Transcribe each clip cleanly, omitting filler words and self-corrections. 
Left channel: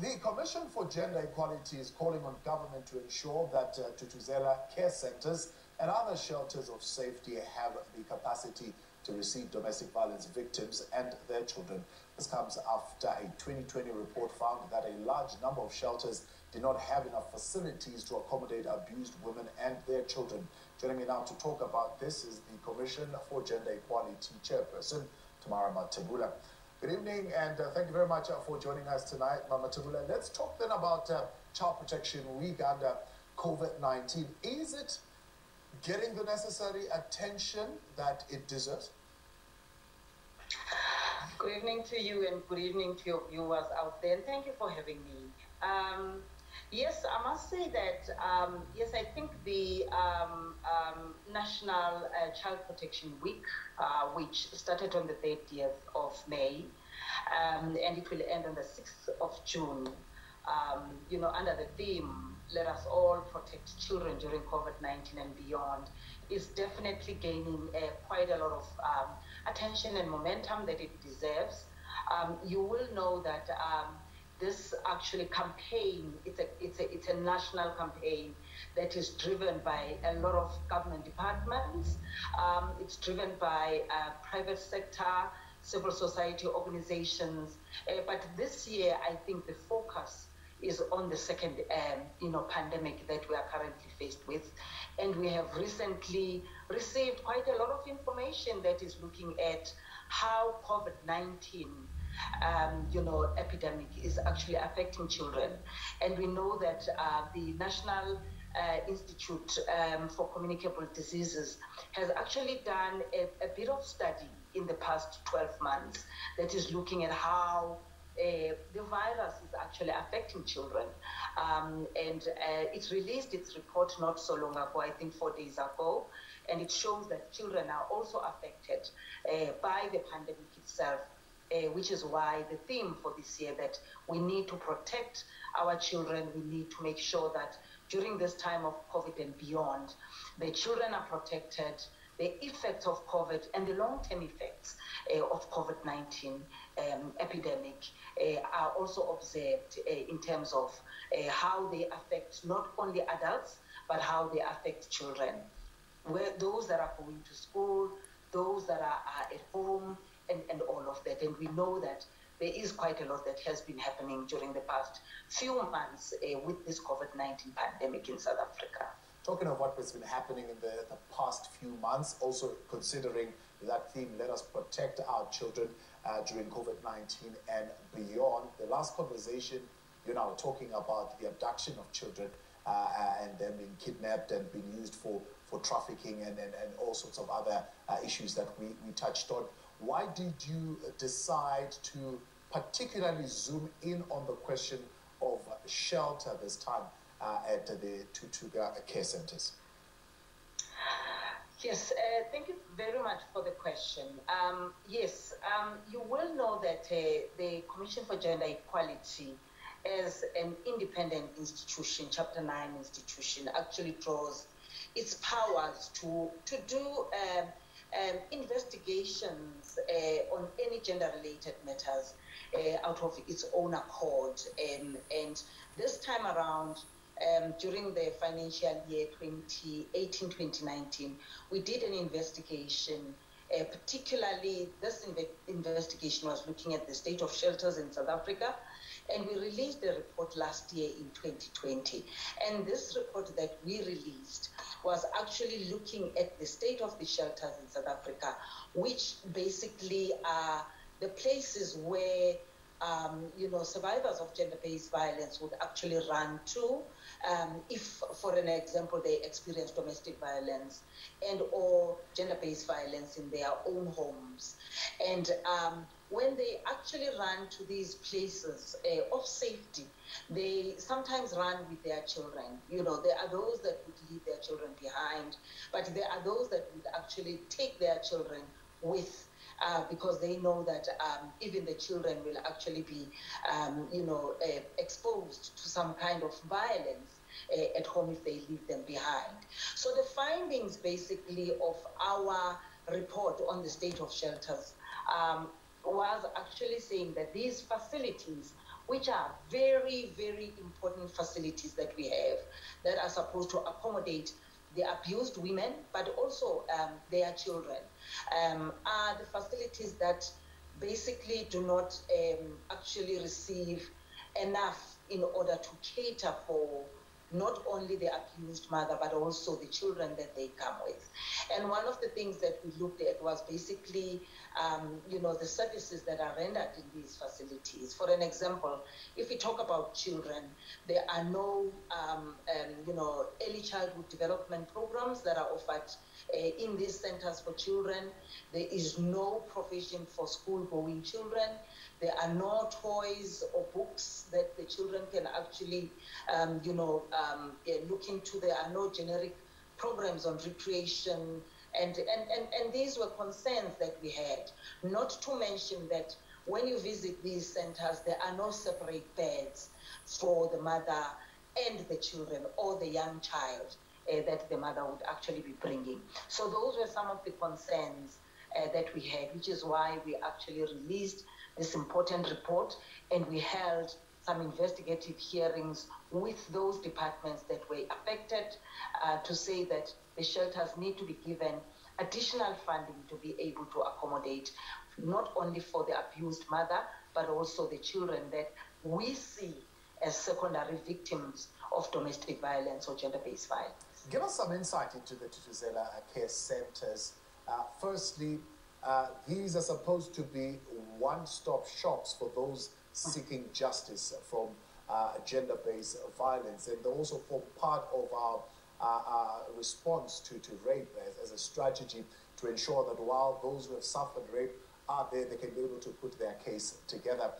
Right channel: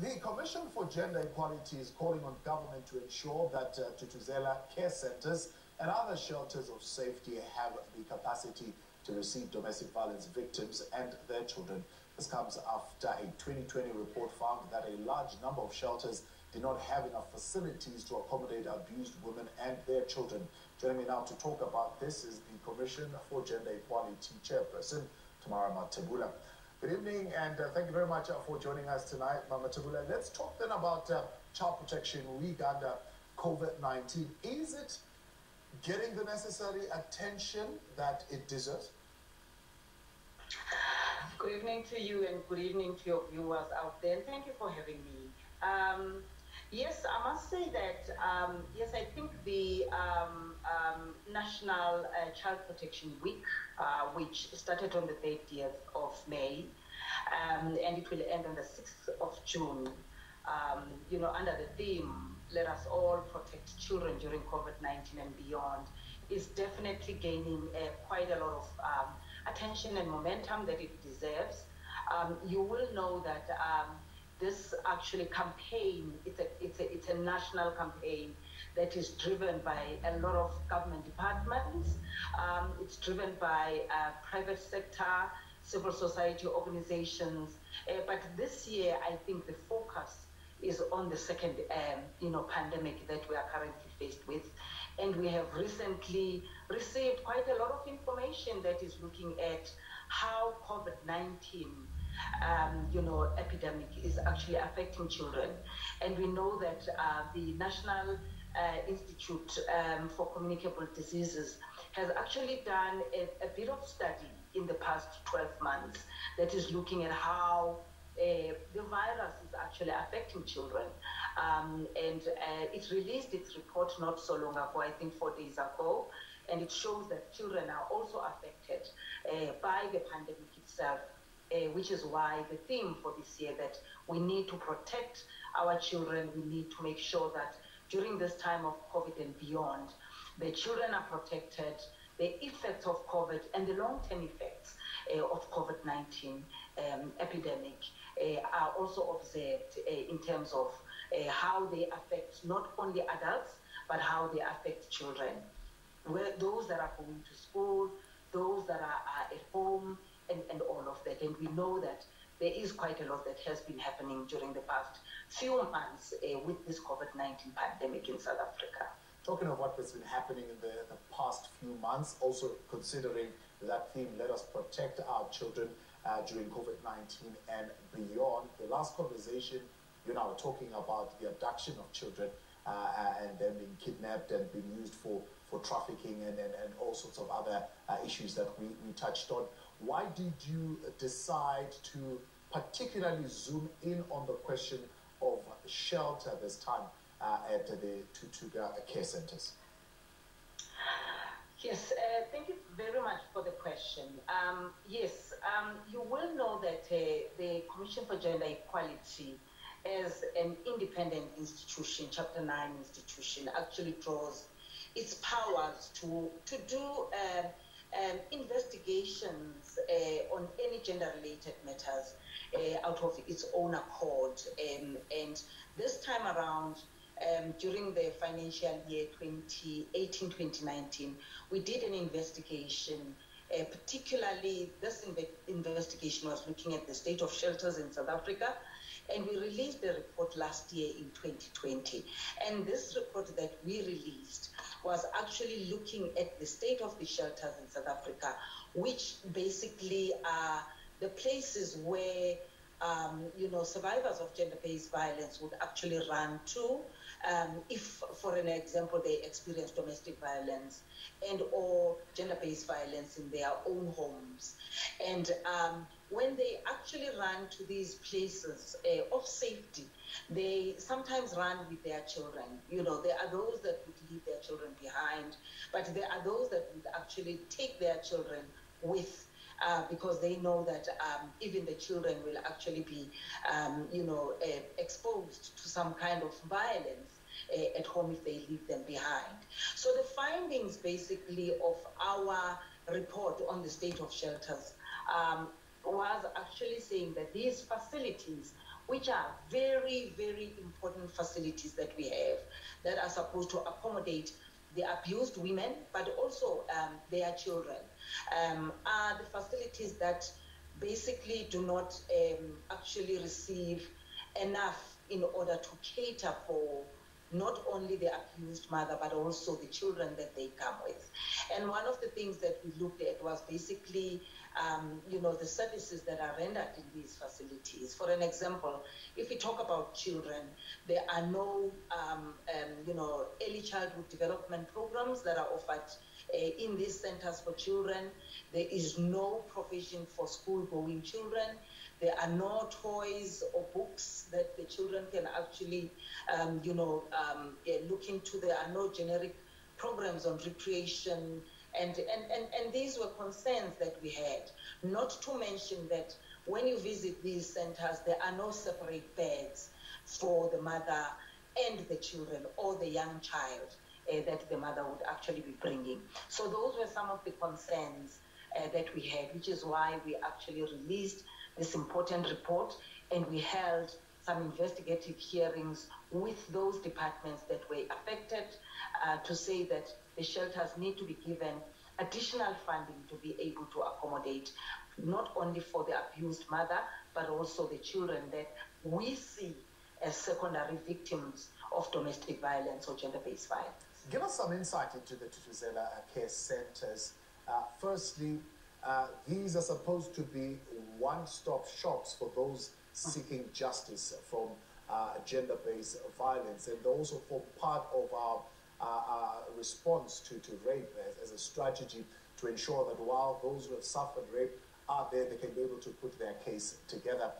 The Commission for Gender Equality is calling on government to ensure that Tutuzela care centers and other shelters of safety have the capacity to receive domestic violence victims and their children. This comes after a 2020 report found that a large number of shelters did not have enough facilities to accommodate abused women and their children. Joining me now to talk about this is the Commission for Gender Equality Chairperson, Tamara Mathebula. Good evening, and thank you very much for joining us tonight, Mathebula. Let's talk then about Child Protection Week under COVID-19. Is it getting the necessary attention that it deserves? Good evening to you, and good evening to your viewers out there, and thank you for having me. Yes, I must say that, yes, I think the National Child Protection Week, which started on the 30th of May, and it will end on the 6th of June, under the theme, let us all protect children during COVID-19 and beyond, is definitely gaining quite a lot of attention and momentum that it deserves. You will know that this actually campaign, it's a national campaign that is driven by a lot of government departments. It's driven by private sector, civil society organizations. But this year, I think the focus is on the second, pandemic that we are currently faced with. And we have recently received quite a lot of information that is looking at how COVID-19 epidemic is actually affecting children. And we know that the National Institute for Communicable Diseases has actually done a bit of study in the past 12 months that is looking at how the virus is actually affecting children. It released its report not so long ago, I think 4 days ago, and it shows that children are also affected by the pandemic itself. Which is why the theme for this year that we need to protect our children, we need to make sure that during this time of COVID and beyond, the children are protected, the effects of COVID and the long-term effects of COVID-19 epidemic are also observed in terms of how they affect not only adults, but how they affect children. Those that are going to school, those that are at home, and all of that. And we know that there is quite a lot that has been happening during the past few months with this COVID-19 pandemic in South Africa. Talking of what has been happening in the past few months, also considering that theme, let us protect our children during COVID-19 and beyond. The last conversation, you and I were talking about the abduction of children and them being kidnapped and being used for trafficking and all sorts of other issues that we touched on. Why did you decide to particularly zoom in on the question of shelter this time at the Tutuga care centers? Yes, thank you very much for the question. Yes, you will know that the Commission for Gender Equality as an independent institution, Chapter 9 institution, actually draws its powers to do investigations on any gender-related matters out of its own accord. And this time around, during the financial year 2018-2019, we did an investigation. Particularly, this investigation was looking at the state of shelters in South Africa, and we released the report last year in 2020. And this report that we released was actually looking at the state of the shelters in South Africa, which basically are the places where survivors of gender-based violence would actually run to if, for an example, they experience domestic violence and or gender-based violence in their own homes. And when they actually run to these places of safety, they sometimes run with their children. There are those that would leave their children behind, but there are those that would actually take their children with because they know that even the children will actually be, exposed to some kind of violence at home if they leave them behind. So the findings basically of our report on the state of shelters was actually saying that these facilities which are very, very important facilities that we have that are supposed to accommodate the abused women, but also their children, are the facilities that basically do not actually receive enough in order to cater for not only the abused mother, but also the children that they come with. And one of the things that we looked at was basically, the services that are rendered in these facilities. For an example, if we talk about children, there are no, early childhood development programs that are offered in these centers for children. There is no provision for school-going children. There are no toys or books that the children can actually, look into. There are no generic programs on recreation. And these were concerns that we had. Not to mention that when you visit these centers, there are no separate beds for the mother and the children or the young child that the mother would actually be bringing. So those were some of the concerns that we had, which is why we actually released this important report, and we held some investigative hearings with those departments that were affected to say that the shelters need to be given additional funding to be able to accommodate not only for the abused mother, but also the children that we see as secondary victims of domestic violence or gender-based violence. Give us some insight into the Thuthuzela care centers. Firstly, these are supposed to be one-stop shops for those seeking justice from gender-based violence, and they also form part of our response to rape as a strategy to ensure that while those who have suffered rape are there, they can be able to put their case together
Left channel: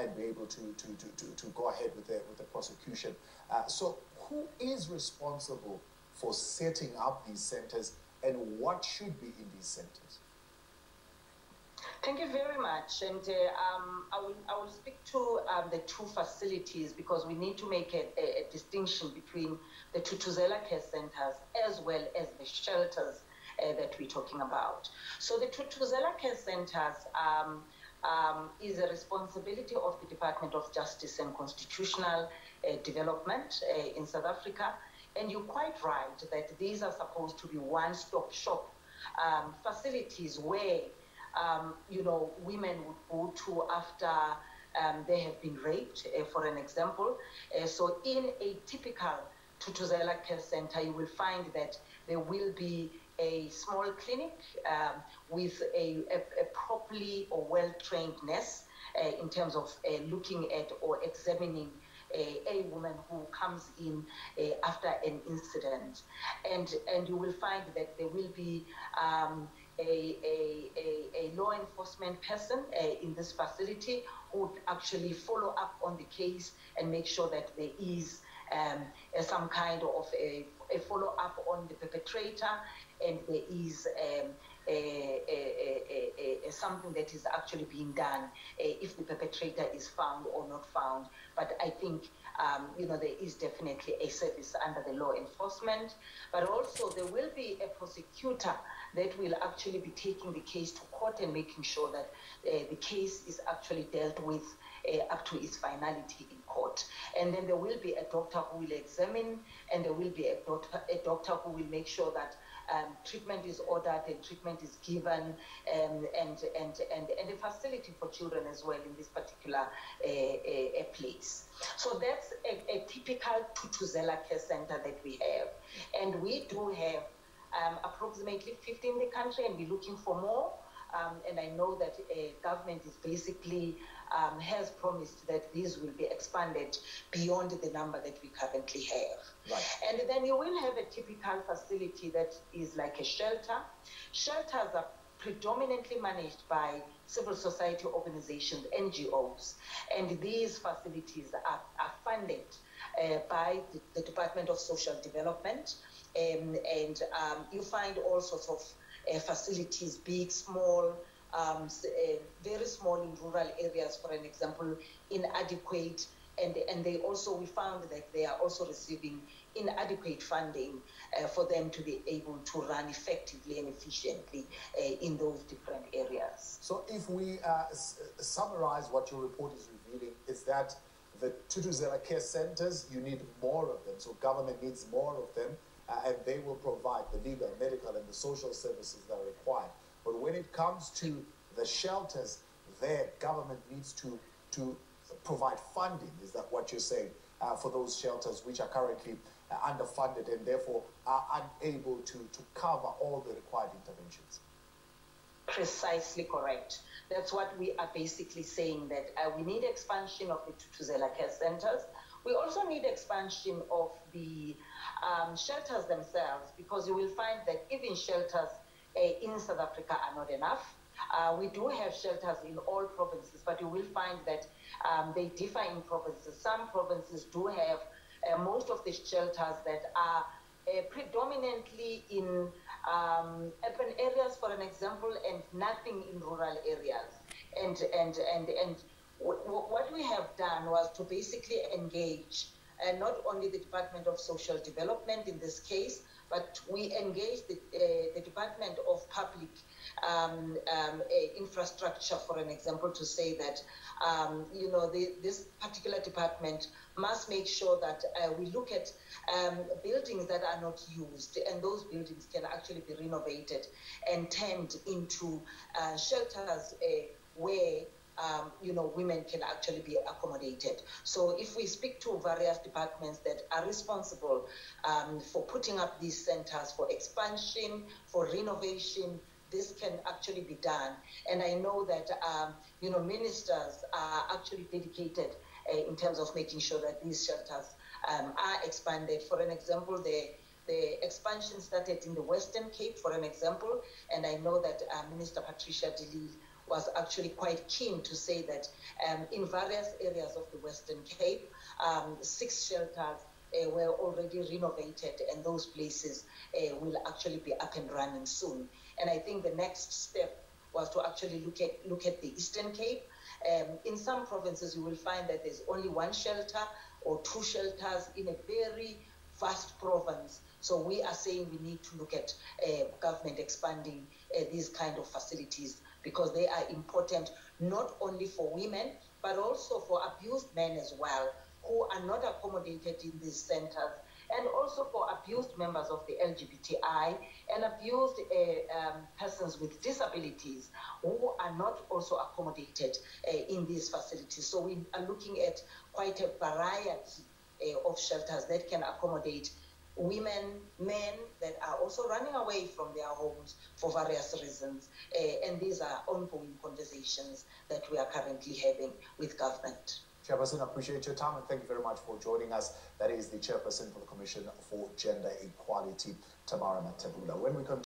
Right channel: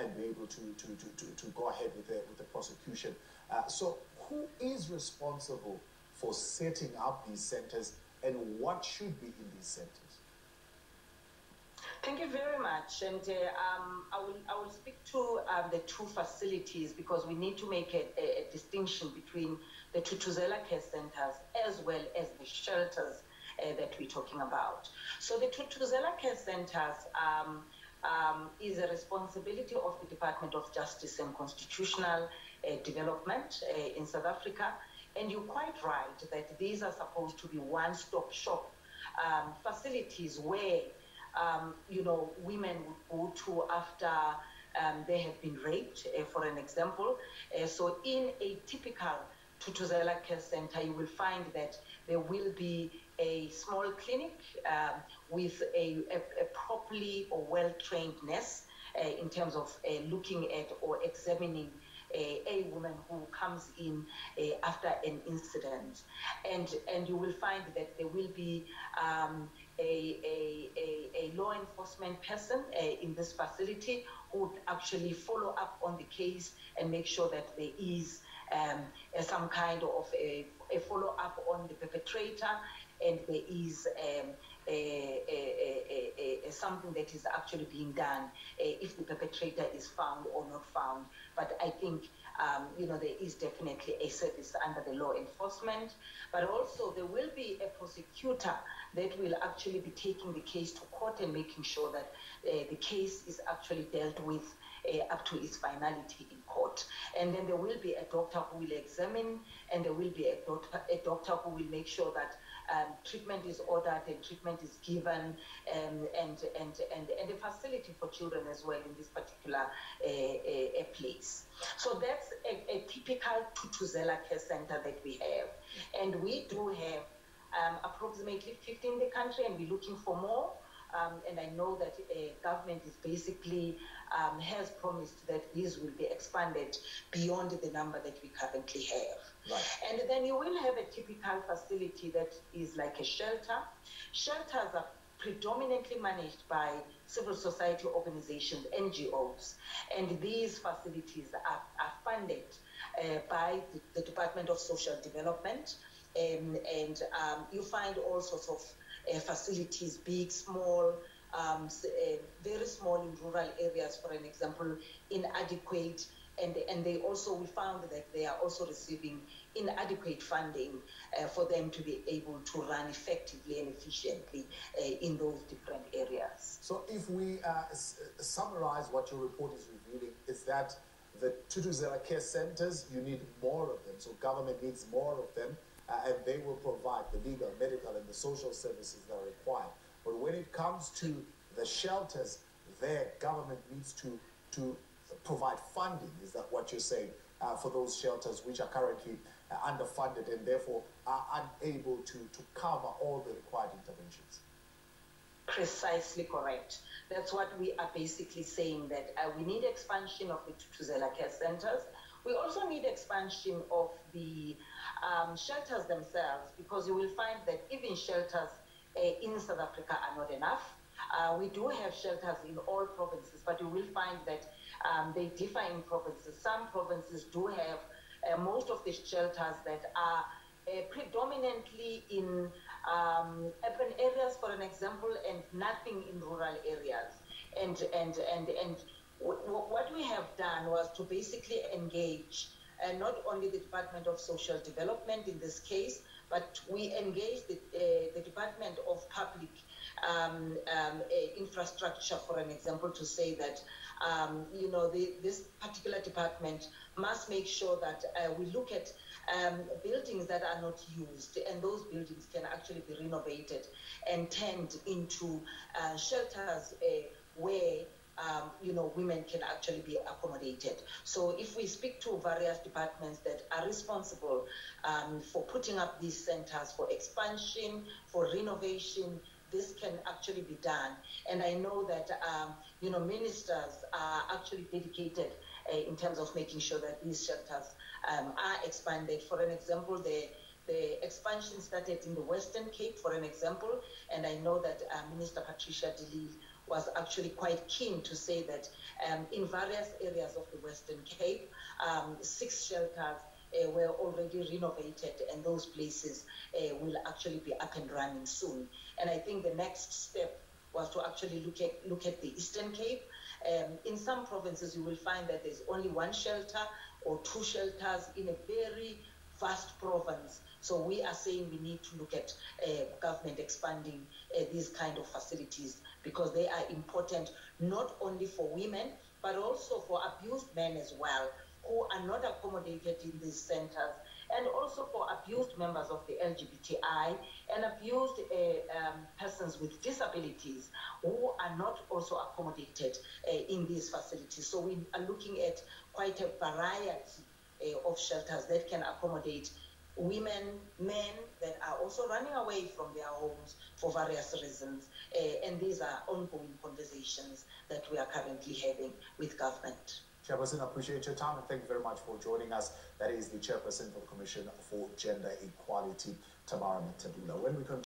and be able to go ahead with the prosecution. So who is responsible for setting up these centers, and what should be in these centers? Thank you very much. And I will speak to the two facilities, because we need to make a distinction between the Thuthuzela care centers as well as the shelters that we're talking about. So the Thuthuzela care centers is a responsibility of the Department of Justice and Constitutional Development in South Africa. And you're quite right that these are supposed to be one-stop shop facilities where women would go to after they have been raped, for an example. So in a typical Thuthuzela care center, you will find that there will be a small clinic with a properly or well-trained nurse in terms of looking at or examining a woman who comes in after an incident. And you will find that there will be a law enforcement person in this facility who would actually follow up on the case and make sure that there is some kind of a follow-up on the perpetrator, and there is something that is actually being done if the perpetrator is found or not found. But I think there is definitely a service under the law enforcement, but also there will be a prosecutor that will actually be taking the case to court and making sure that the case is actually dealt with up to its finality in court. And then there will be a doctor who will examine, and there will be a doctor who will make sure that treatment is ordered and treatment is given, and a facility for children as well in this particular place. So that's a typical Thuthuzela care center that we have. And we do have approximately 50 in the country, and we're looking for more. And I know that government is basically has promised that these will be expanded beyond the number that we currently have. Right. And then you will have a typical facility that is like a shelter. Shelters are predominantly managed by civil society organizations, NGOs, and these facilities are funded by the Department of Social Development, and you find all sorts of facilities, big, small, very small in rural areas, for an example, inadequate, and they also, we found that they are also receiving inadequate funding for them to be able to run effectively and efficiently in those different areas. So if we summarize what your report is revealing, is that the Thuthuzela care centers, you need more of them. So government needs more of them, and they will provide the legal, medical, and the social services that are required. But when it comes to the shelters, their government needs to provide funding. Is that what you're saying? For those shelters which are currently underfunded and therefore are unable to cover all the required interventions? Precisely correct. That's what we are basically saying, that we need expansion of the Thuthuzela care centers. We also need expansion of the shelters themselves, because you will find that even shelters in South Africa are not enough. We do have shelters in all provinces, but you will find that they differ in provinces. Some provinces do have most of the shelters that are predominantly in urban areas, for an example, and nothing in rural areas. And what we have done was to basically engage not only the Department of Social Development in this case, but we engaged the Department of Public Infrastructure, for an example, to say that this particular department must make sure that we look at buildings that are not used, and those buildings can actually be renovated and turned into shelters where women can actually be accommodated. So if we speak to various departments that are responsible for putting up these centers, for expansion, for renovation, this can actually be done. And I know that, ministers are actually dedicated in terms of making sure that these shelters are expanded. For an example, the expansion started in the Western Cape, for an example, and I know that Minister Patricia de Lille was actually quite keen to say that in various areas of the Western Cape, 6 shelters were already renovated, and those places will actually be up and running soon. And I think the next step was to actually look at the Eastern Cape. In some provinces, you will find that there's only 1 shelter or 2 shelters in a very vast province. So we are saying we need to look at government expanding these kind of facilities, because they are important not only for women, but also for abused men as well, who are not accommodated in these centers, and also for abused members of the LGBTI and abused persons with disabilities who are not also accommodated in these facilities. So we are looking at quite a variety of shelters that can accommodate women, men that are also running away from their homes for various reasons. And these are ongoing conversations that we are currently having with government. Chairperson, I appreciate your time, and thank you very much for joining us. That is the Chairperson for the Commission for Gender Equality, Tamara Mathebula. When we continue